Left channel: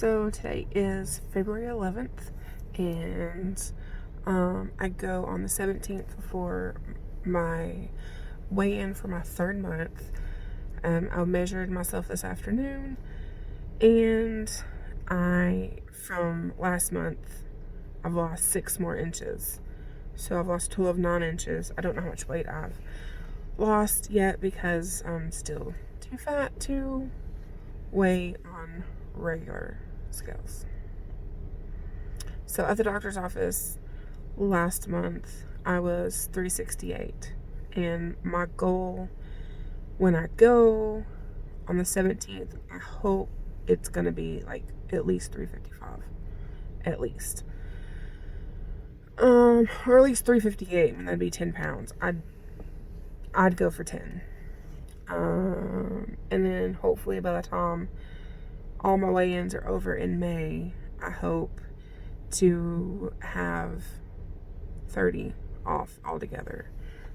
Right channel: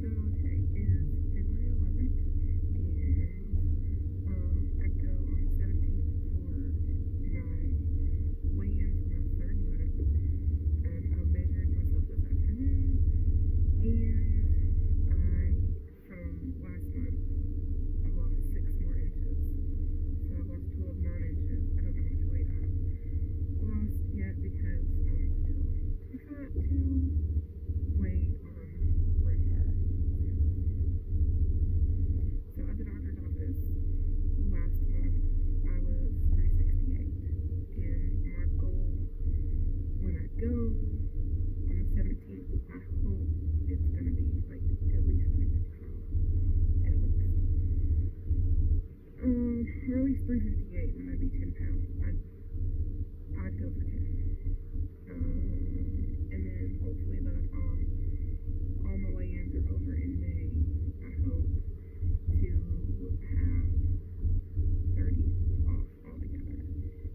So today is February 11th, and I go on the 17th for my weigh-in for my third month. I measured myself this afternoon, and from last month, I've lost 6 more inches. So I've lost a total of 9 inches. I don't know how much weight I've lost yet because I'm still too fat to weigh on regular scales. So at the doctor's office last month, I was 368, and my goal when I go on the 17th, I hope it's gonna be like at least 355, at least, or at least 358, and that'd be 10 pounds. I'd go for 10, and then hopefully by the time all my weigh-ins are over in May, I hope to have 30 off altogether.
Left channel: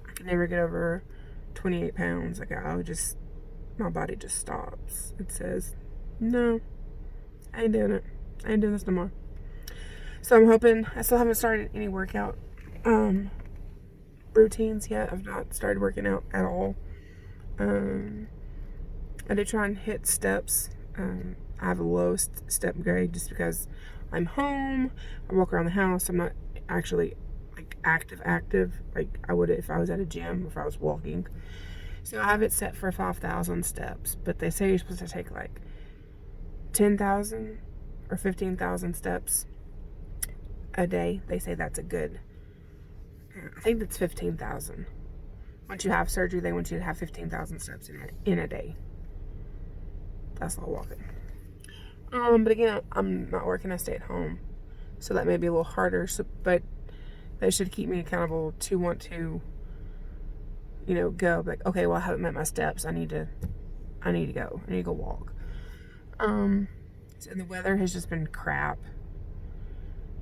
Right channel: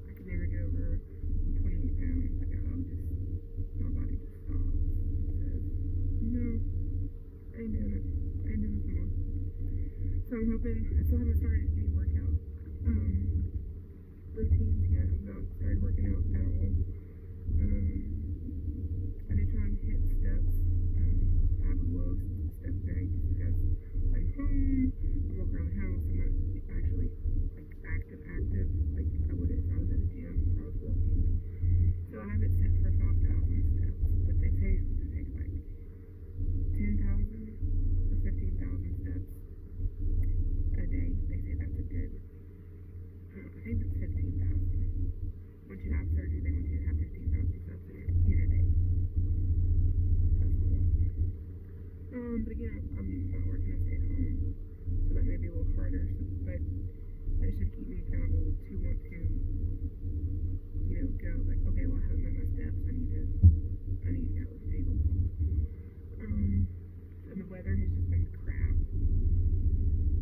I can never get over 28 pounds. Like, my body just stops. It says, no, I ain't doing it. I ain't doing this no more. So I'm hoping. I still haven't started any workout routines yet. I've not started working out at all. I did try and hit steps. I have a low step grade just because I'm home. I walk around the house. I'm not actually like active like I would if I was at a gym, if I was walking. So I have it set for 5,000 steps, but they say you're supposed to take like 10,000 or 15,000 steps a day. They say that's a good. I think that's 15,000. Once you have surgery, they want you to have 15,000 steps in a day. That's all walking. But again, I'm not working. I stay at home, so that may be a little harder. But they should keep me accountable to want to, go. Like, okay, well, I haven't met my steps. I need to go. I need to go walk. And the weather has just been crap.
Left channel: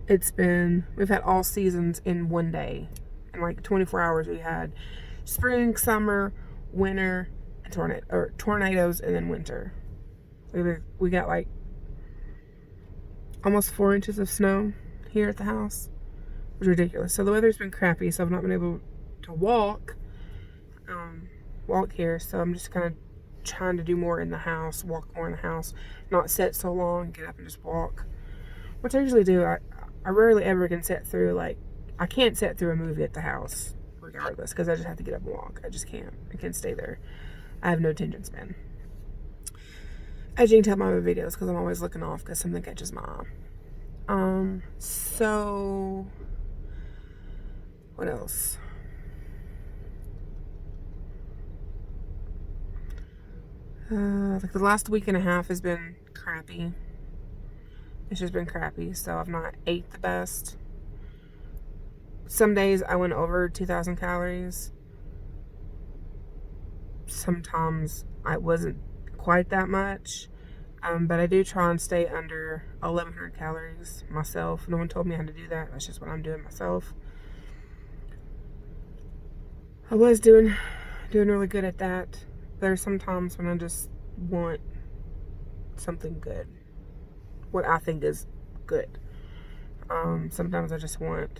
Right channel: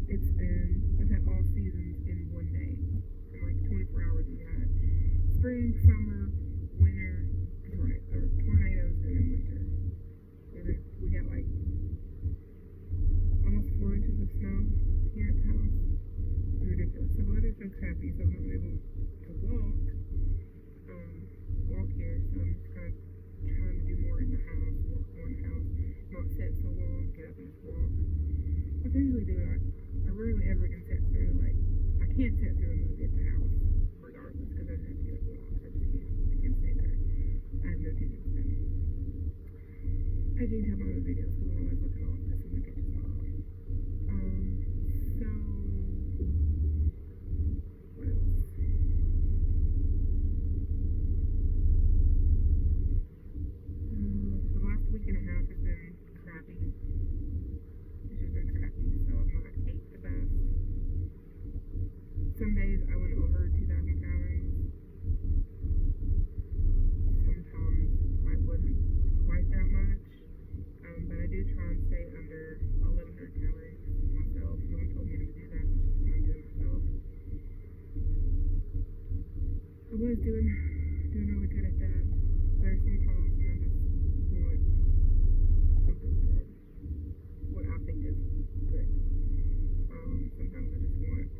We've had all seasons in one day. In like 24 hours, we had spring, summer, winter, and tornadoes, and then winter. We got like almost 4 inches of snow here at the house. It was ridiculous. So the weather's been crappy, so I've not been able to walk here. So I'm just kind of trying to do more in the house, walk more in the house, not sit so long, get up and just walk, which I usually do. I rarely ever can sit through, I can't sit through a movie at the house regardless, because I just have to get up and walk. I just can't. I can't stay there. I have no attention span. As you can tell by my videos, because I'm always looking off because something catches my eye. So what else? Like the last week and a half has been crappy. It's just been crappy, so I've not ate the best. Some days I went over 2,000 calories. Sometimes I wasn't quite that much, but I do try and stay under 1,100 calories myself. No one told me how to do that. That's just what I'm doing myself. I was doing really good at that. There's some times when I just want something good, what I think is good. Sometimes I just want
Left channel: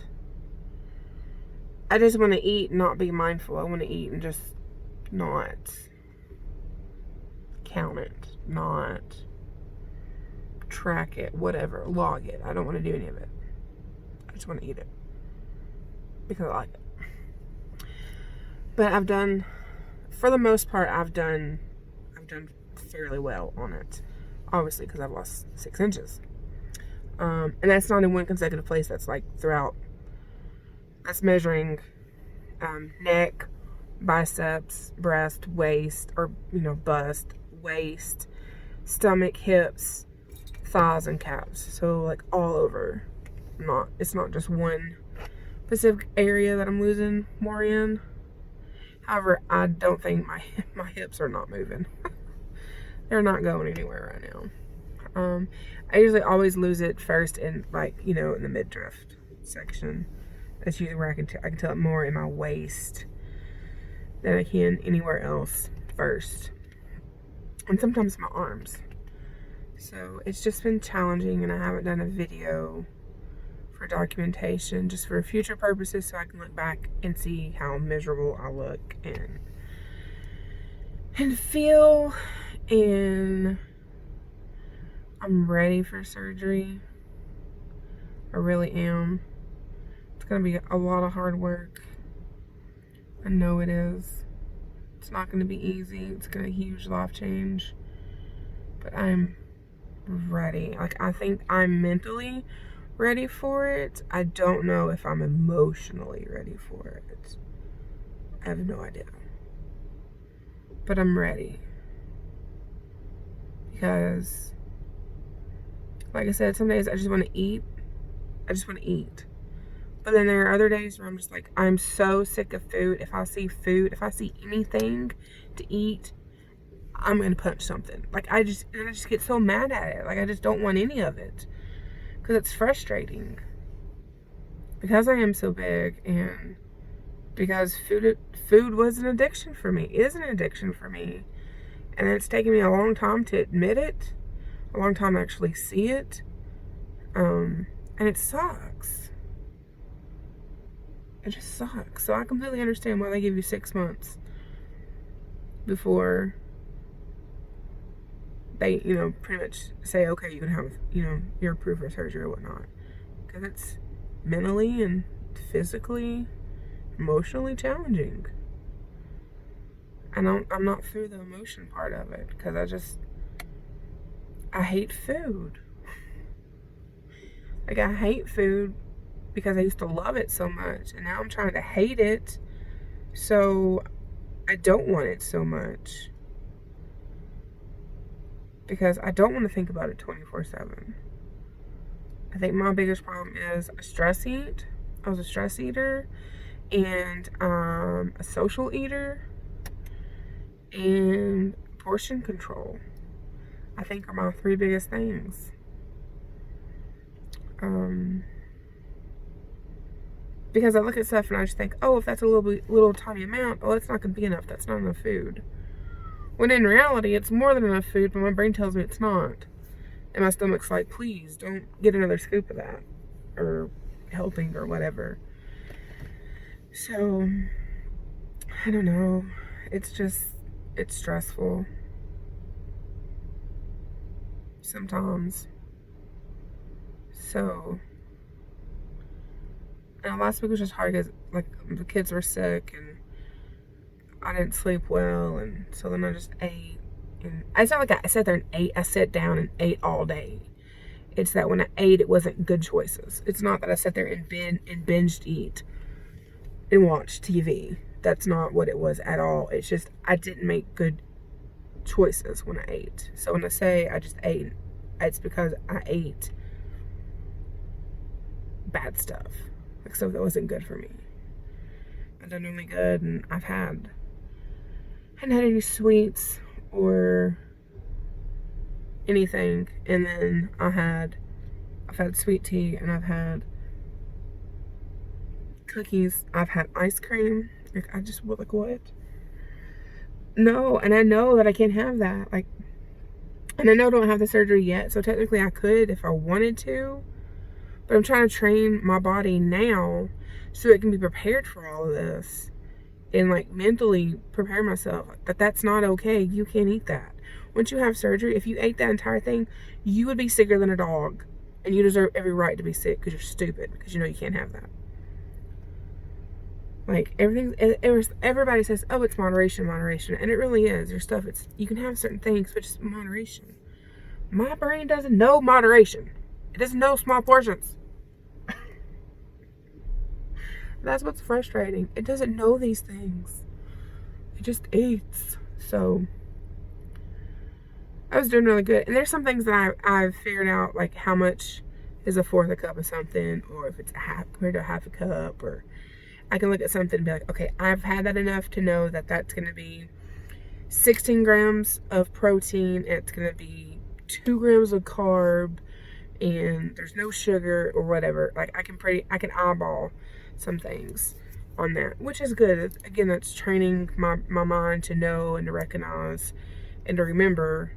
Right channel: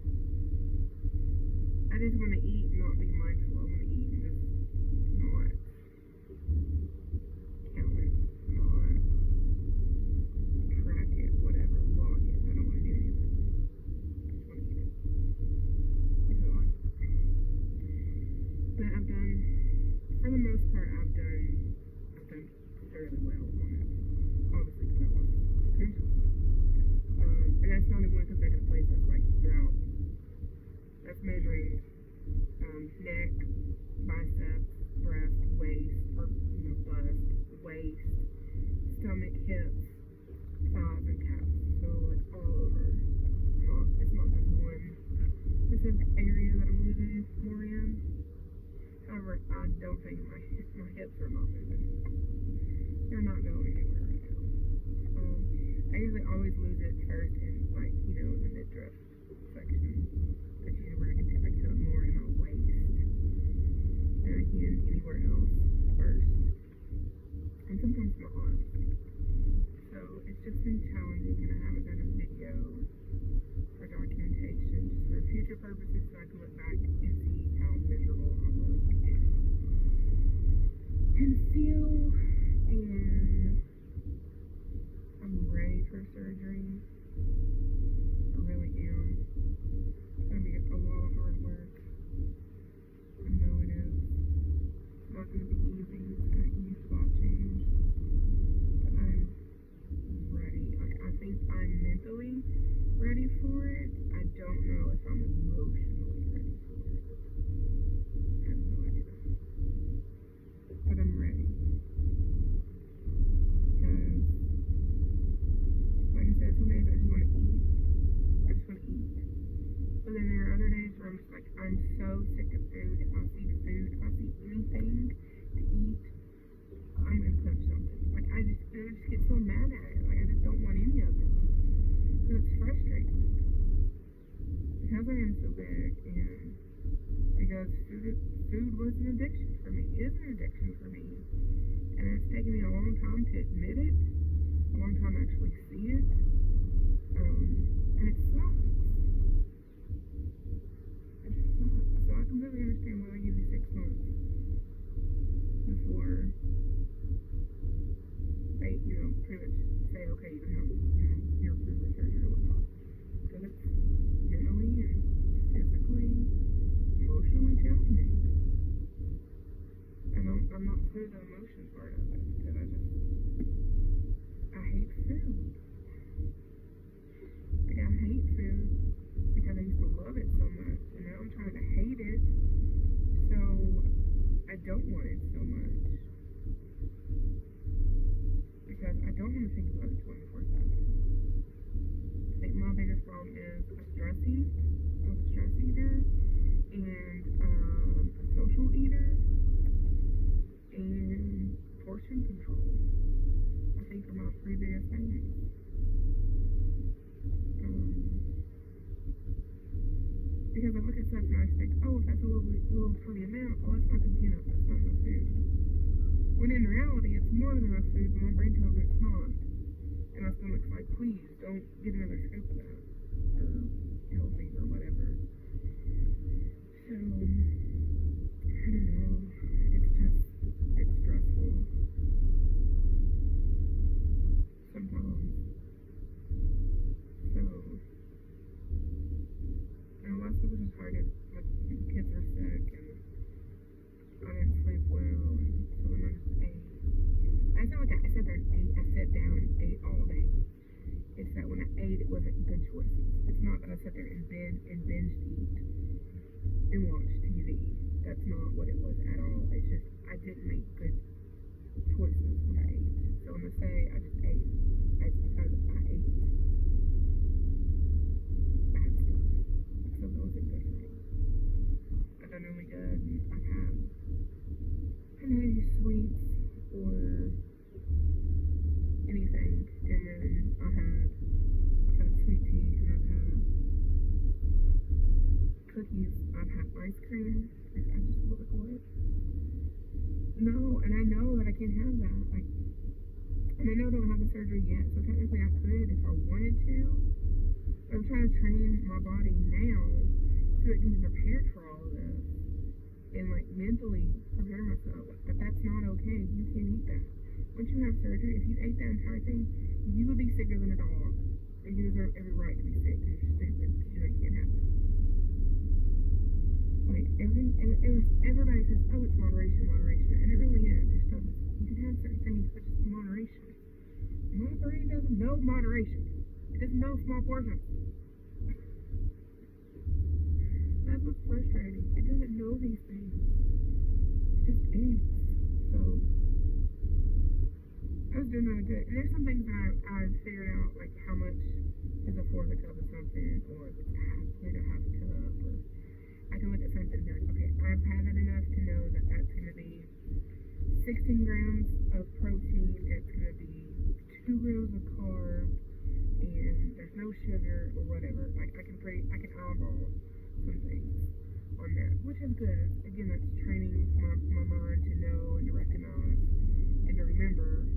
to eat and not be mindful. I want to eat and just not count it, not track it, whatever, log it. I don't want to do any of it. I just want to eat it because I like it. But for the most part, I've done fairly well on it. Obviously, because I've lost 6 inches. And that's not in one consecutive place. That's like throughout. That's measuring neck, biceps, breast, waist, or bust, waist, stomach, hips, thighs, and calves. So like all over. It's not just one specific area that I'm losing more in. However, I don't think my hips are not moving. They're not going anywhere right now. I usually always lose it first in in the midriff section. That's usually where I can tell it more in my waist than I can anywhere else first. And sometimes my arms. So it's just been challenging, and I haven't done a video for documentation, just for future purposes, so I can look back and see how miserable I look and feel. And I'm ready for surgery. I really am. It's gonna be a lot of hard work. I know it is. It's not gonna be easy. It's gonna be a huge life change. But I'm ready. Like, I think I'm mentally ready for it. I don't know if I'm emotionally ready for it. I have no idea. But I'm ready. Because, like I said, some days I just want to eat. I just want to eat. But then there are other days where I'm just like, I'm so sick of food. If I see anything to eat, I'm going to punch something. Like, I just get so mad at it. Like, I just don't want any of it. Because it's frustrating. Because I am so big, and because food was an addiction for me. Is an addiction for me. And it's taken me a long time to admit it. A long time to actually see it. And it sucks. It just sucks. So I completely understand why they give you 6 months before they, pretty much say, okay, you can have, you're approved for surgery or whatnot. Because it's mentally and physically, emotionally challenging. And I'm not through the emotion part of it. Because I hate food. Like, I hate food because I used to love it so much, and now I'm trying to hate it, so I don't want it so much, because I don't want to think about it 24/7. I think my biggest problem is I was a stress eater, and a social eater, and portion control. I think are my 3 biggest things. Because I look at stuff and I just think, oh, if that's a little tiny amount, oh, that's not going to be enough. That's not enough food. When in reality, it's more than enough food, but my brain tells me it's not. And my stomach's like, please, don't get another scoop of that. Or helping or whatever. So, I don't know. It's stressful. Sometimes. So, and last week was just hard because, like, the kids were sick and I didn't sleep well, and so then I just ate. And it's not like I sat there and ate. I sat down and ate all day. It's that when I ate, it wasn't good choices. It's not that I sat there and binged eat and watch TV. That's not what it was at all. It's just I didn't make good choices when I ate. So when I say I just ate, it's because I ate bad stuff. Like stuff that wasn't good for me. I've done really good, and I hadn't had any sweets or anything. And then I've had sweet tea, and I've had cookies. I've had ice cream. Like, I just was like, what? No, and I know that I can't have that. Like, and I know I don't have the surgery yet, so technically I could if I wanted to. But I'm trying to train my body now so it can be prepared for all of this. And, like, mentally prepare myself that that's not okay. You can't eat that. Once you have surgery, if you ate that entire thing, you would be sicker than a dog. And you deserve every right to be sick because you're stupid. Because you know you can't have that. Like, everybody says, oh, it's moderation. And it really is. There's stuff, you can have certain things, but it's moderation. My brain doesn't know moderation. It doesn't know small portions. That's what's frustrating. It doesn't know these things. It just eats. So, I was doing really good. And there's some things that I've figured out, like how much is a fourth a cup of something, or if it's a half compared to a half a cup, or I can look at something and be like, okay, I've had that enough to know that that's going to be 16 grams of protein, and it's going to be 2 grams of carb, and there's no sugar or whatever. Like, I can eyeball some things on that, which is good. Again, that's training my mind to know and to recognize and to remember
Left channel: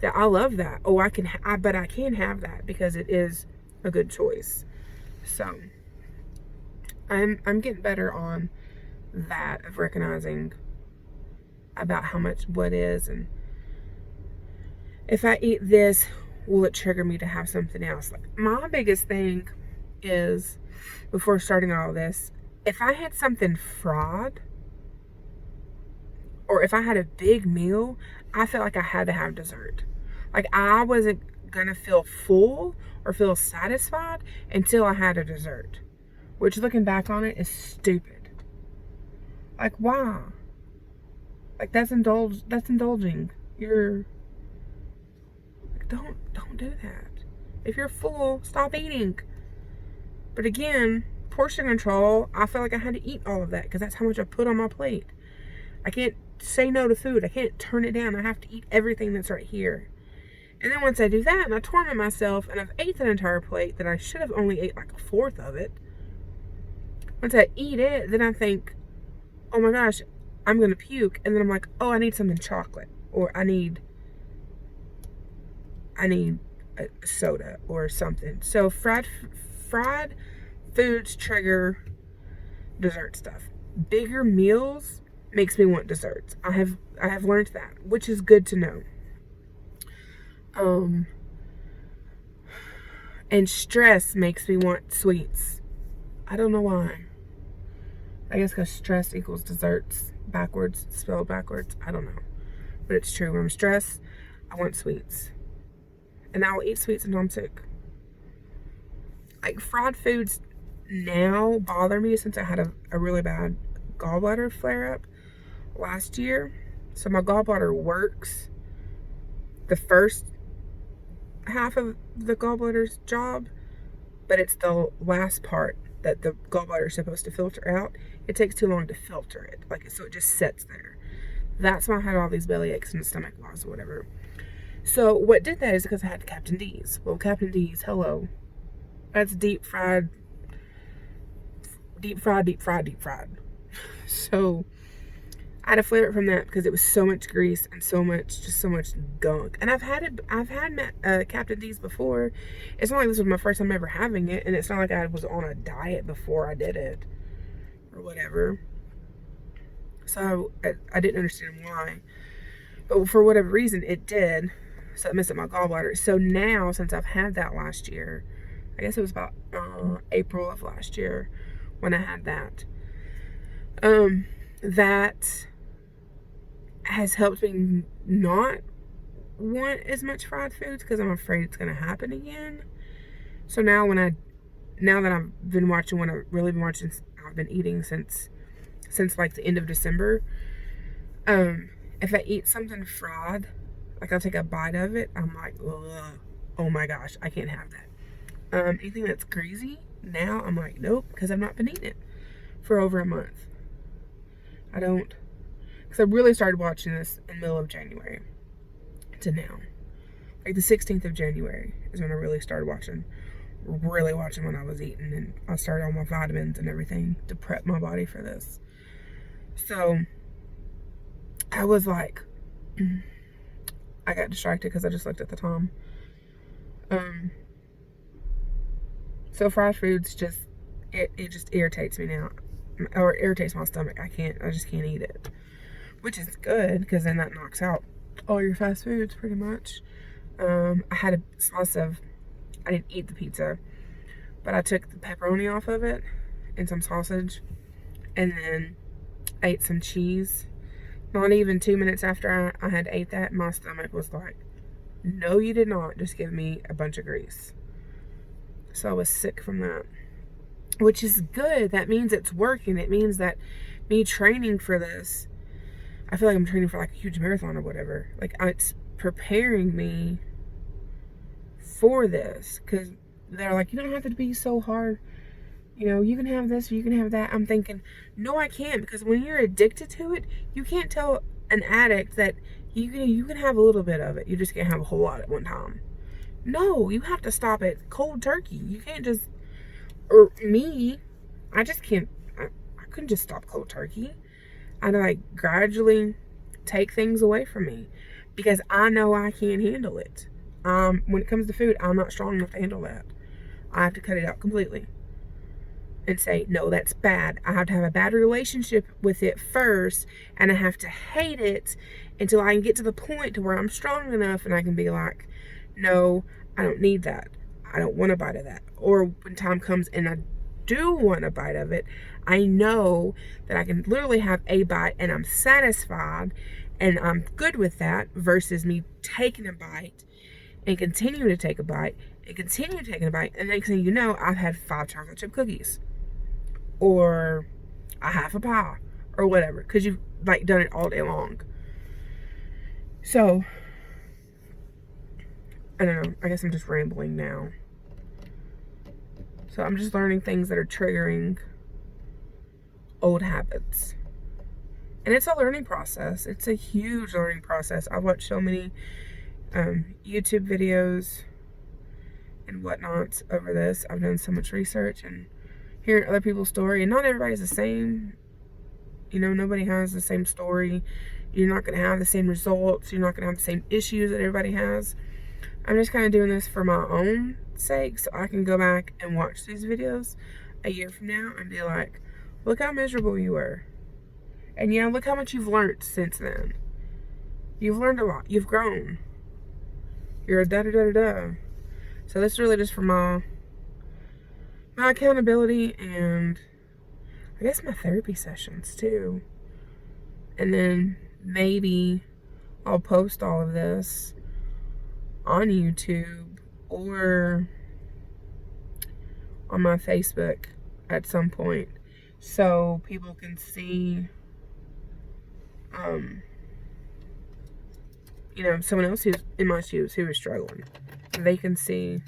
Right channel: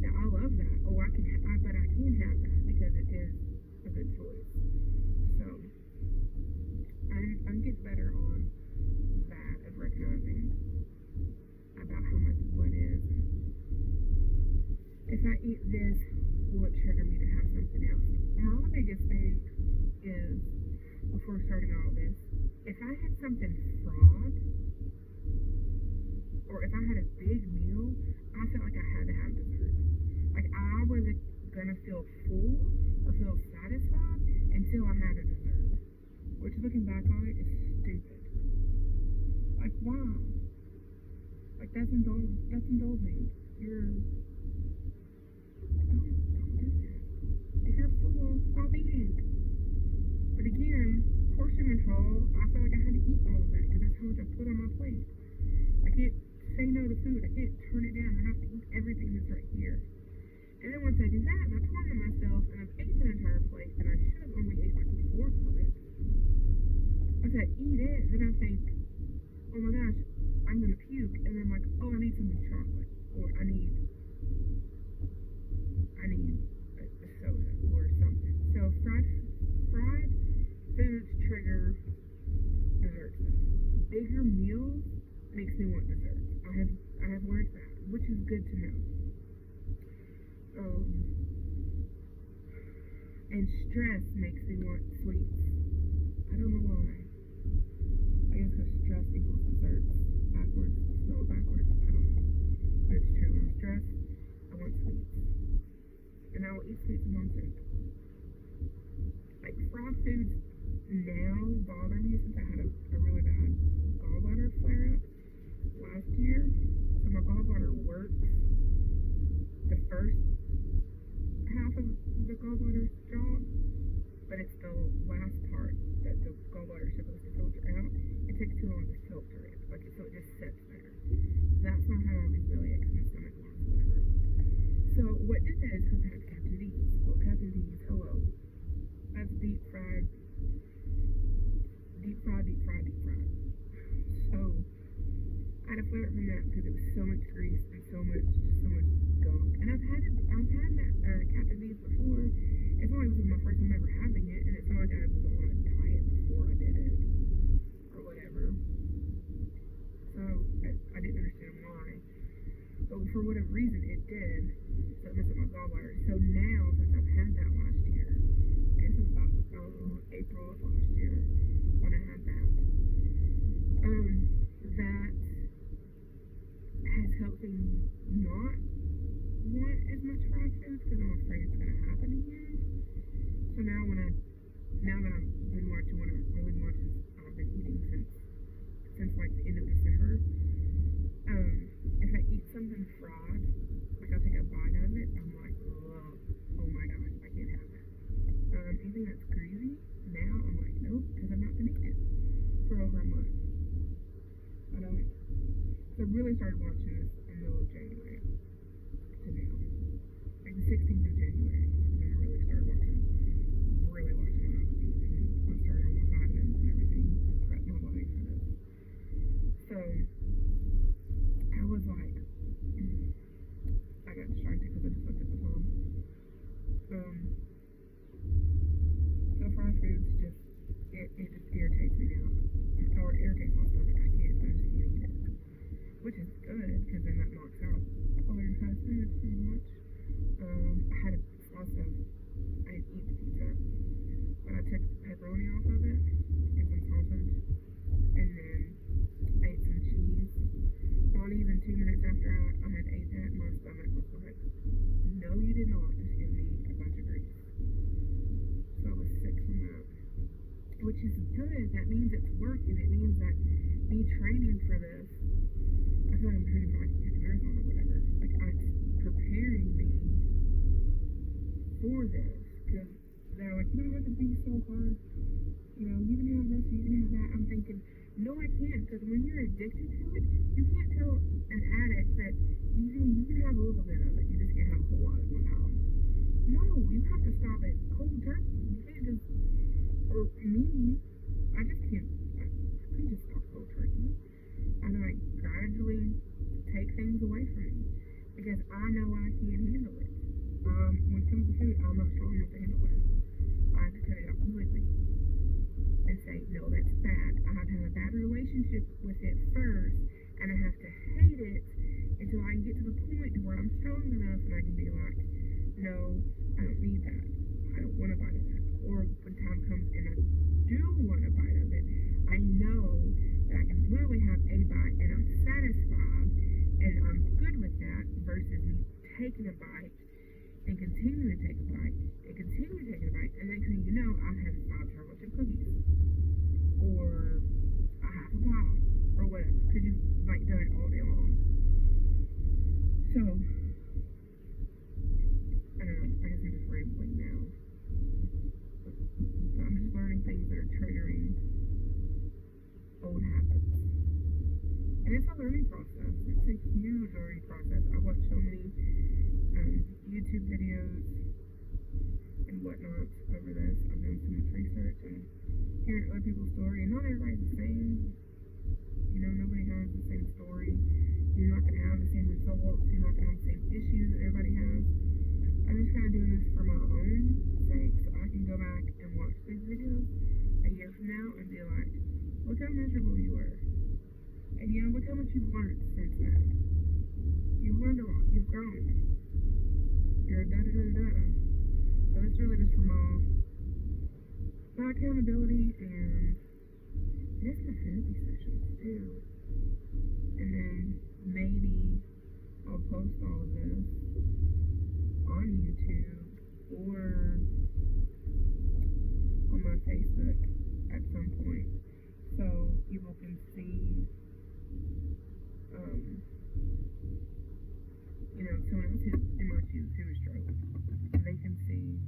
that I love that. Oh, but I can have that because it is a good choice. So I'm getting better on that, of recognizing about how much what is, and if I eat this, will it trigger me to have something else? Like, my biggest thing is, before starting all this, if I had something fried, or if I had a big meal, I felt like I had to have dessert. Like, I wasn't gonna feel full or feel satisfied until I had a dessert. Which, looking back on it, is stupid. Like, why? Like, that's indulging. Don't do that. If you're full, stop eating. But again, portion control, I felt like I had to eat all of that because that's how much I put on my plate. I can't say no to food. I can't turn it down. I have to eat everything that's right here. And then once I do that and I torment myself and I've ate that entire plate that I should have only ate like a fourth of it. Once I eat it, then I think, oh my gosh, I'm going to puke. And then I'm like, oh, I need something chocolate, or I need a soda or something. So fried foods trigger dessert stuff. Bigger meals makes me want desserts. I have learned that, which is good to know. And stress makes me want sweets. I don't know why. I guess because stress equals desserts backwards, spelled backwards. I don't know. But it's true. When I'm stressed, I want sweets. And I will eat sweets until I'm sick. Like, fried foods now bother me since I had a really bad gallbladder flare up last year. So my gallbladder works the first half of the gallbladder's job, but it's the last part that the gallbladder is supposed to filter out. It takes too long to filter it, so it just sits there. That's why I had all these belly aches and stomach loss or whatever. So what did that is because I had Captain D's. Well, Captain D's, hello, that's deep fried. So I had a flare up from that because it was so much grease and so much gunk. And I've had Captain D's before. It's not like this was my first time ever having it, and it's not like I was on a diet before I did it or whatever. So I didn't understand why, but for whatever reason it did. So it messed up my gallbladder. So now, since I've had that last year, I guess it was about April of last year when I had that. That has helped me not want as much fried foods because I'm afraid it's going to happen again. So now that I've been watching what I've really been watching, I've been eating since like the end of December. If I eat something fried, like I'll take a bite of it, I'm like, ugh, oh my gosh, I can't have that. Anything that's greasy, now I'm like, nope, because I've not been eating it for over a month. I don't, because I really started watching this in the middle of January to now. Like the 16th of January is when I really started watching what I was eating, and I started all my vitamins and everything to prep my body for this. So I was like, I got distracted because I just looked at the time. So fried foods it just irritates me now, or irritates my stomach. I just can't eat it, which is good because then that knocks out all your fast foods pretty much. I had a slice of, I didn't eat the pizza, but I took the pepperoni off of it and some sausage, and then ate some cheese. Not even 2 minutes after I had ate that, my stomach was like, no, you did not just give me a bunch of grease. So I was sick from that, which is good. That means it's working. It means that me training for this, I feel like I'm training for like a huge marathon or whatever. Like, it's preparing me for this, because they're like, you don't have to be so hard. You know, you can have this or you can have that. I'm thinking, no, I can't, because when you're addicted to it, you can't tell an addict that you can have a little bit of it. You just can't have a whole lot at one time. No, you have to stop it cold turkey. You can't just, or me, I just can't, I couldn't just stop cold turkey. I'd like gradually take things away from me. because I know I can't handle it. When it comes to food, I'm not strong enough to handle that. I have to cut it out completely and say, no, that's bad. I have to have a bad relationship with it first, and I have to hate it until I can get to the point to where I'm strong enough and I can be like, no, I don't need that. I don't want a bite of that. Or when time comes and I do want a bite of it, I know that I can literally have a bite and I'm satisfied and I'm good with that, versus me taking a bite and continue to take a bite and continue taking a bite, and next thing you know, I've had 5 chocolate chip cookies or a half a pie or whatever, because you've like done it all day long. So I don't know, I guess I'm just rambling now. So I'm just learning things that are triggering old habits, and it's a learning process. It's a huge learning process. I've watched so many YouTube videos and whatnot over this. I've done so much research and hearing other people's story, and not everybody's the same. You know, nobody has the same story. You're not going to have the same results. You're not going to have the same issues that everybody has. I'm just kind of doing this for my own sake, so I can go back and watch these videos a year from now and be like, look how miserable you were. And yeah, look how much you've learned since then. You've learned a lot. You've grown. You're a da-da-da-da-da. So that's really just for my accountability, and I guess my therapy sessions too. And then maybe I'll post all of this on YouTube or on my Facebook at some point, so people can see, you know, someone else who's in my shoes who is struggling. They can see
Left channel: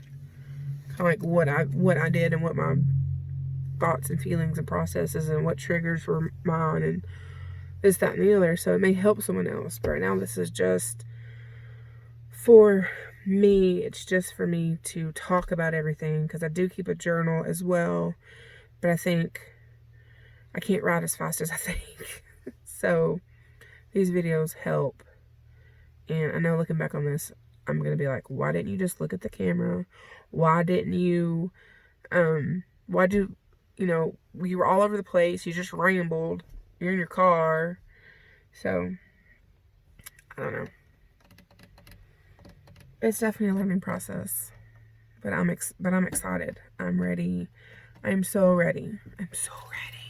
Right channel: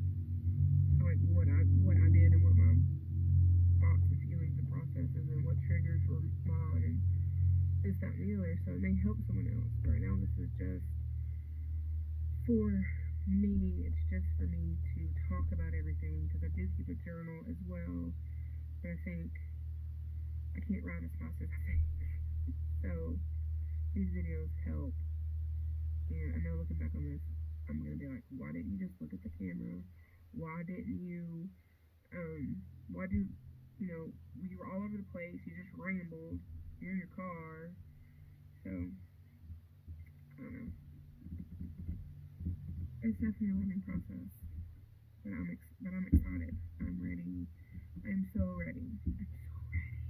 kind of like what I did and what my thoughts and feelings and processes and what triggers were mine and this, that, and the other. So it may help someone else. But right now, this is just for me. It's just for me to talk about everything, because I do keep a journal as well. But I think I can't write as fast as I think. So these videos help. And I know looking back on this, I'm going to be like, why didn't you just look at the camera? Why didn't you, why'd you, you know, you were all over the place. You just rambled. You're in your car. So, I don't know. It's definitely a learning process. But I'm excited. I'm ready. I'm so ready. I'm so ready.